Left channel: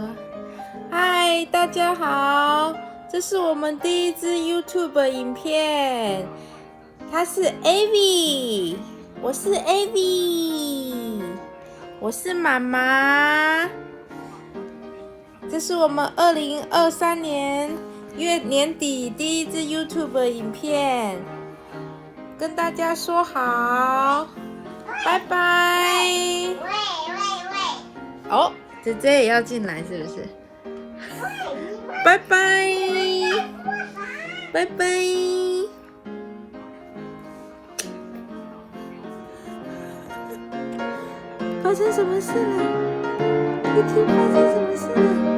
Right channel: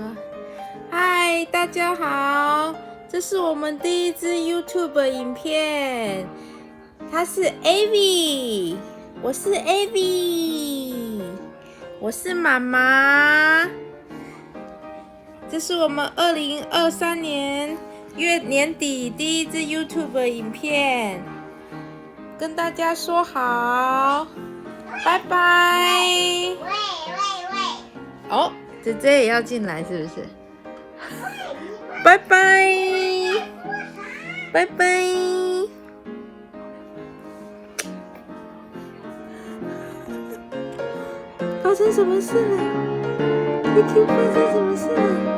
说：“嗨，大家好，这是我们第一支 YouTube 影片，她是 Avi， 我是 Avi， 我是妈妈。这是我们2023年年底第一支 YouTube 影片，跟大家说好，拜拜。”哦，姐姐也要进来是不是？拜拜，拜拜。发生什么事了？Kiki 发生什么事了？